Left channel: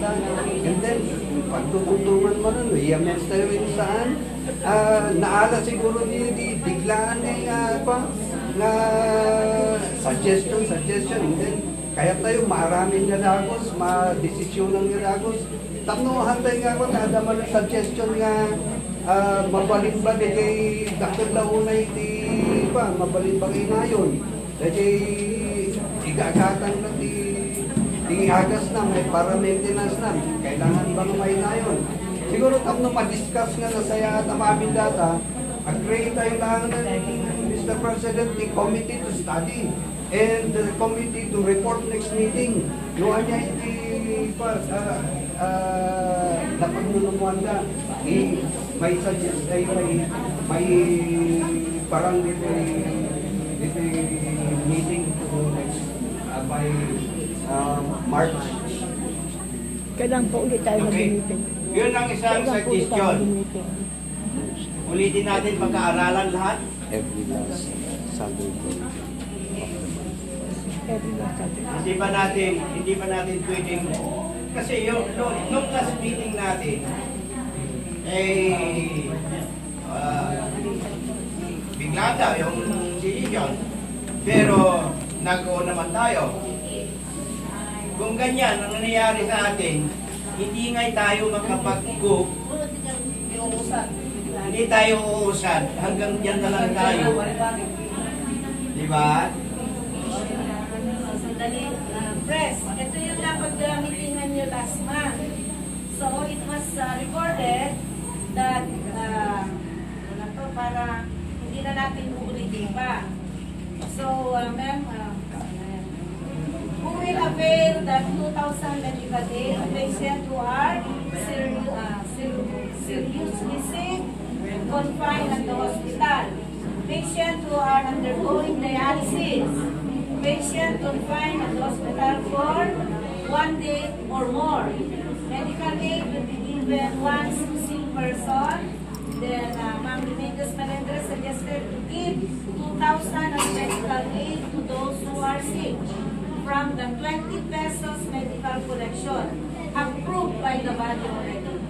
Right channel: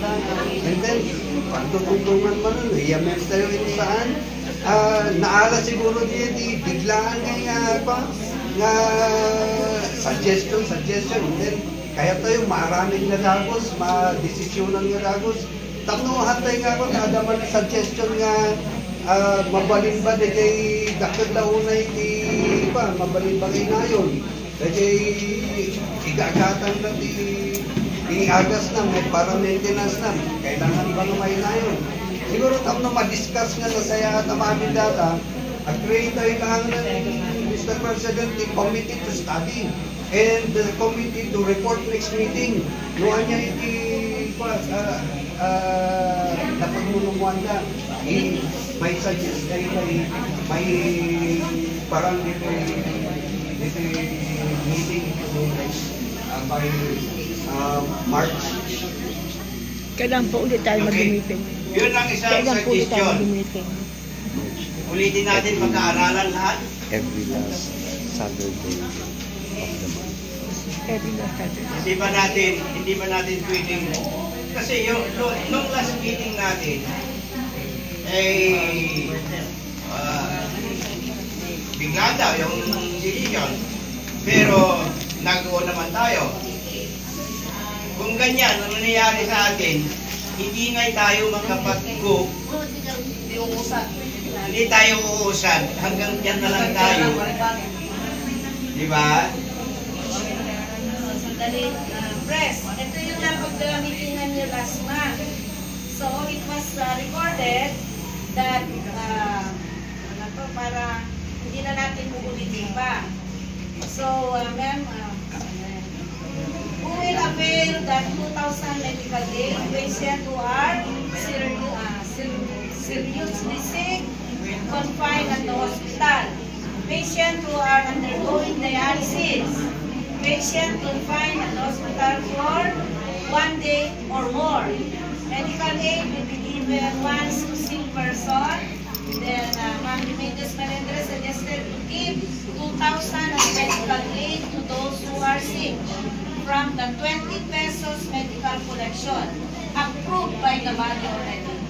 Canada. And then, pagtutulungan mo nun, yamen tayo saan. Naala siguro niya, biglaan nga suggestion. And then, kaya tayo maraming nga dagos, ma-desisyonan nga dagos. Tanuhan tayo nga ako, naadaman ng suggestion nga mabalin ba kay dakod na unay mabalin ba kay ngayon. Kaya igagatan na agas na, may para maintenance na, kailangan ba may ngayon. Siguro tapos ma-discuss nga na saya at amamin data, agree tayo lang ng Mr. President, the committee to study and the committee to report next meeting. Noon niya napagmulunguan ka, may suggest may parang dito meeting by March. Kailan po ulit tayo mag-meeting? Yun lang isang suggestion. Ulitin natin pagkaaralan lahat. Every last Saturday. Every last Saturday. Hindi pa natin pwedeng, kasi nung last meeting natin, bigla daw yung decision. Pero nag-o naman tayo. Kung ganyan ang nangyayari sa atin, hindi nga tayo makapag-go. Hindi tayo uusad. Hanggang dyan na lang tayo. Di ba? Press, ito yung napag-meetingan niyo last month. So, it was recorded that para hindi na natin uulitin pa. So, ma'am, who will avail that 2,000 medical aid patients who are seriously sick, confined at the hospital, patients who are undergoing dialysis, patients confined at the hospital for 1 day or more. Medical aid will be given once to sick person. Then, Ma'am Remedios Melendres suggested to give 2,000 as medical aid to those who are sick from the 20 pesos medical collection approved by the body already.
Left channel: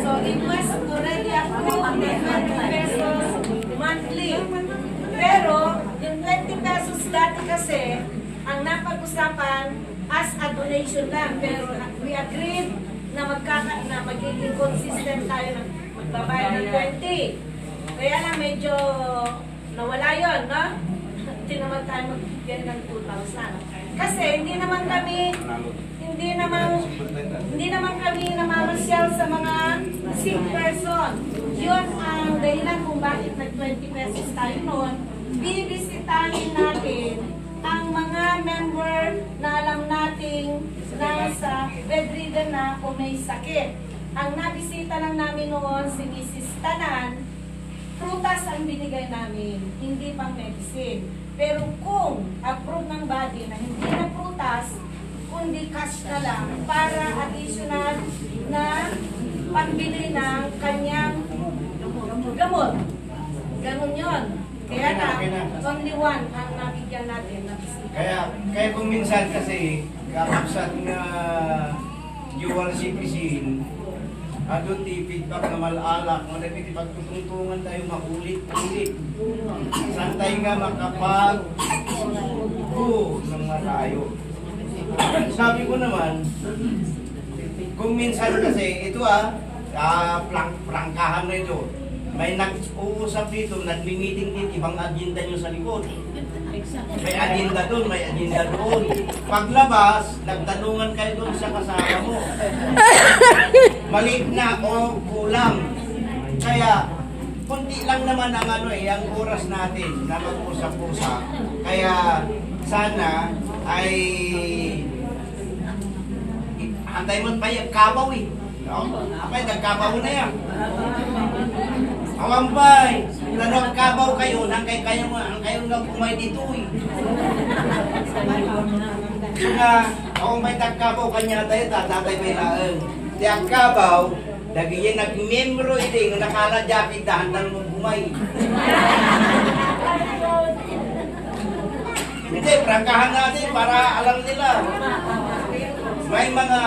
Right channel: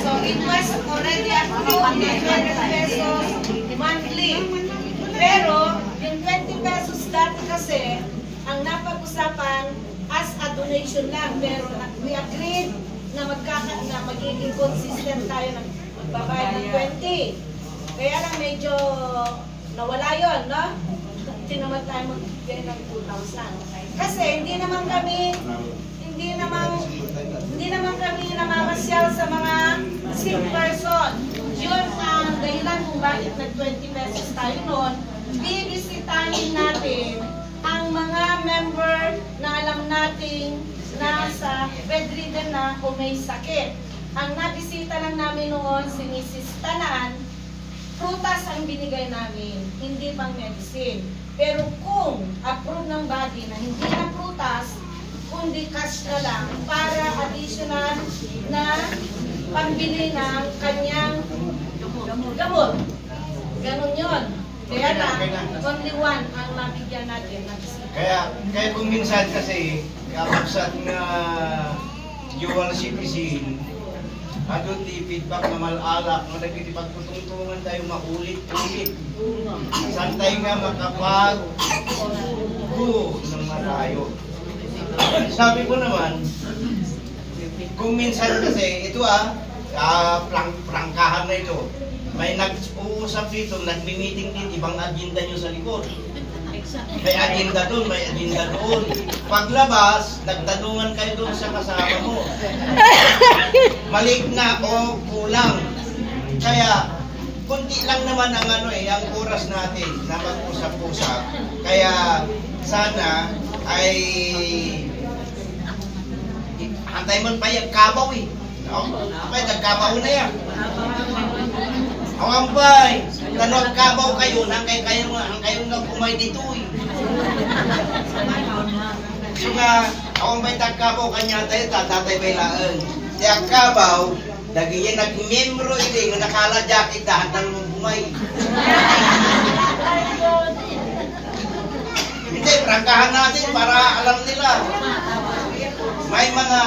So, it was already approved the 20 pesos monthly. Pero, yung 20 pesos dati kasi, ang napag-usapan as a donation lang. Pero, we agreed na magiging consistent tayo na magbabayad ng 20. Kaya lang medyo nawala yun, no? Hindi naman tayo magbigay ng 2,000. Kasi hindi naman kami namamasyal sa mga sick person. Yun ang dahilan kung bakit nag-20 pesos tayo noon. Bibisitahin natin ang mga member na alam nating nasa bedridden na o may sakit. Ang nabisita lang namin noon si Mrs. Tanan, prutas ang binigay namin, hindi pang medicine. Pero kung approve ng body na hindi na prutas, kundi cash na lang para additional na pambili ng kanyang gamot. Ganon yun. Kaya lang, only one ang mabigyan natin na bisita. Kaya kung minsan kasi, kapag nga dual citizen, adun di feedback na malalak, madagiti pagtutungtungan tayo makulit-ulit. Saan tayo nga makapag-go ng malayo. Sabi ko naman, kung minsan kasi, ito prangkahan na ito. May nag-uusap dito, nag-meeting din, ibang agenda nyo sa likod. May agenda doon, may agenda doon. Paglabas, nagtanungan kayo doon sa kasama mo. Maliit na o kulang. Kaya, kunti lang naman ang ang oras natin na mag-usap-usap. Kaya, sana ay hantay mo pa yung kabaw No? Apay, nagkabaw na yan. Awang bay, tanong kabaw kayo, ang kayo nga kumay dito Saka, awang bay tagkabaw kanya tayo, tatatay bay laan. Tiyak kabaw, dagi yan nag-membro iti, nga nakaladyak, itahandang mong bumay. Hindi, prangkahan natin para alam nila. may mga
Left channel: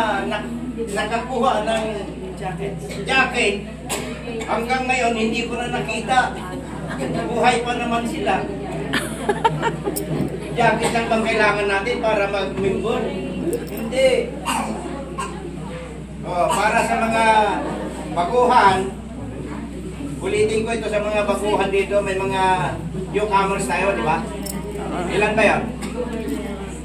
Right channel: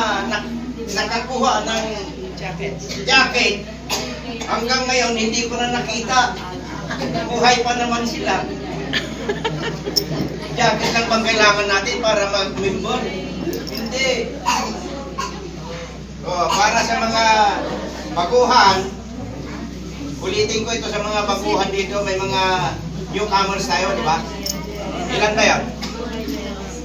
nakakuha ng jacket. Hanggang ngayon, hindi ko na nakita. Buhay pa naman sila. Jacket lang bang kailangan natin para mag-member? Hindi. Para sa mga baguhan, ulitin ko ito sa mga baguhan dito, may mga newcomers tayo, di ba? Ilan tayo?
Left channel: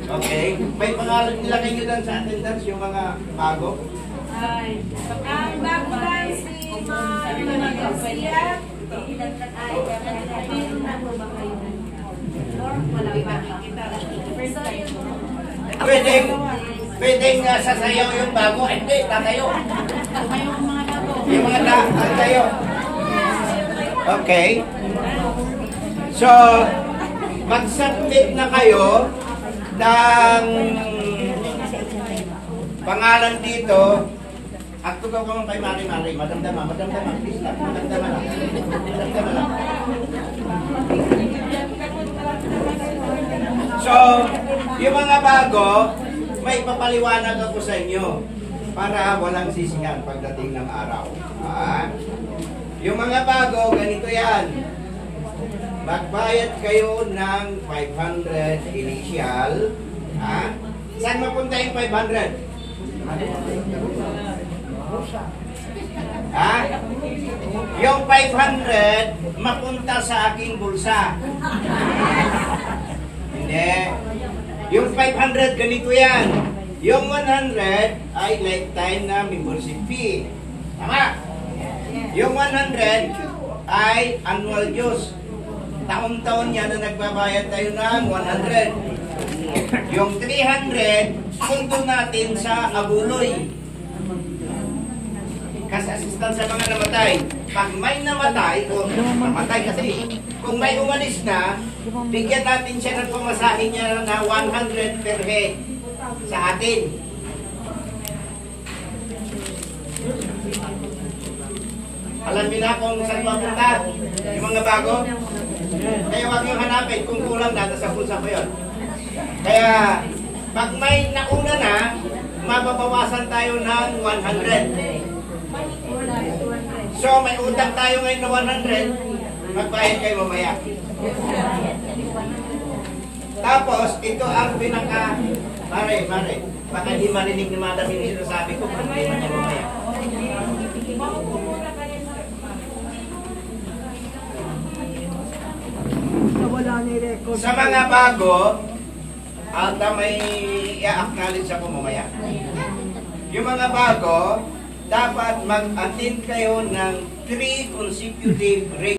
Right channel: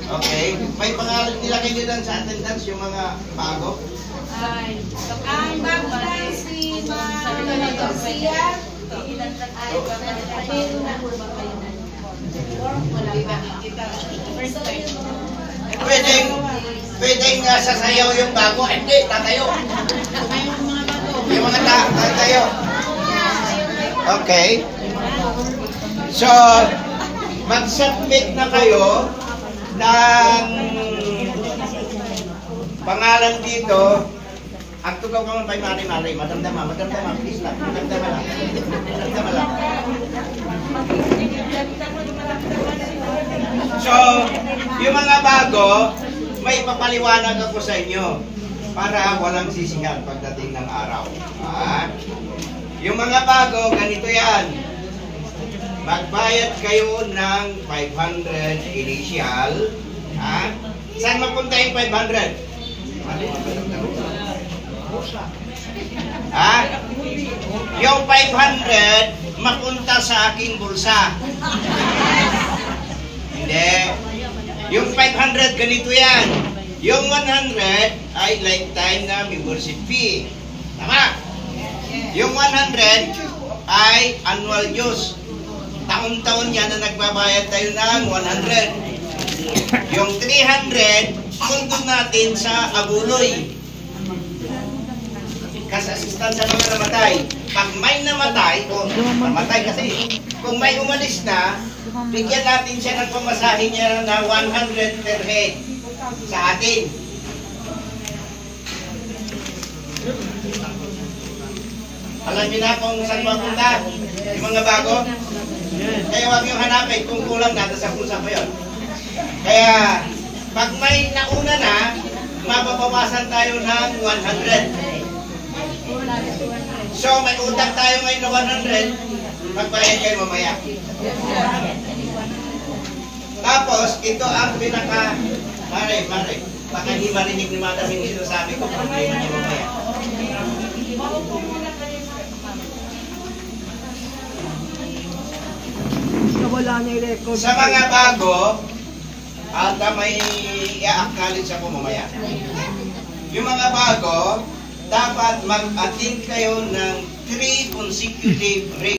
Okay. May pangalan nila kayo dyan sa attendance, yung mga bago? Ang bago dahil si Garcia, Pwedeng sasayaw yung bago. Ay, hindi, tatayo. Yung mga tatayo. Okay. So, mag-submit na kayo ng pangalan dito. At tugaw ka man kay Mari-Mari. Madamdama, please lang. Madamdama lang. Madamdama lang. So, yung mga bago, may papaliwanag ako sa inyo para walang sisihan pagdating ng araw. Yung mga bago, ganito yan. Magbayad kayo ng 500 initial. Saan mapunta yung 500? Yung 500 mapunta sa aking bulsa. Hindi. Yung 500 ganito yan. Yung 100 ay lifetime na membership fee. Tama? Yung 100 ay annual dues. Taon-taon yan na nagbabayad tayo ng 100. Yung 300 pundo natin sa abuloy. Kas-assistant sa mga namatay. Pag may namatay, o namatay kasi, kung may umalis na, bigyan natin siya ng pamasahe niya na 100 per head sa atin. Alam niyo na kung saan mapunta yung mga bago? Kaya huwag yung hanapin kung kulang na, sa pulsa pa yun. Kaya, pag may nauna na, mababawasan tayo ng 100. So, may utang tayo ngayon na 100, magbayad kayo mamaya. Tapos, ito ang pinaka... Mare, baka hindi marinig ni Madam yung sinasabi ko, problema niya mamaya. Sa mga bago, at may i-acknowledge ako mamaya. Yung mga bago, dapat mag-attend kayo ng 3 consecutive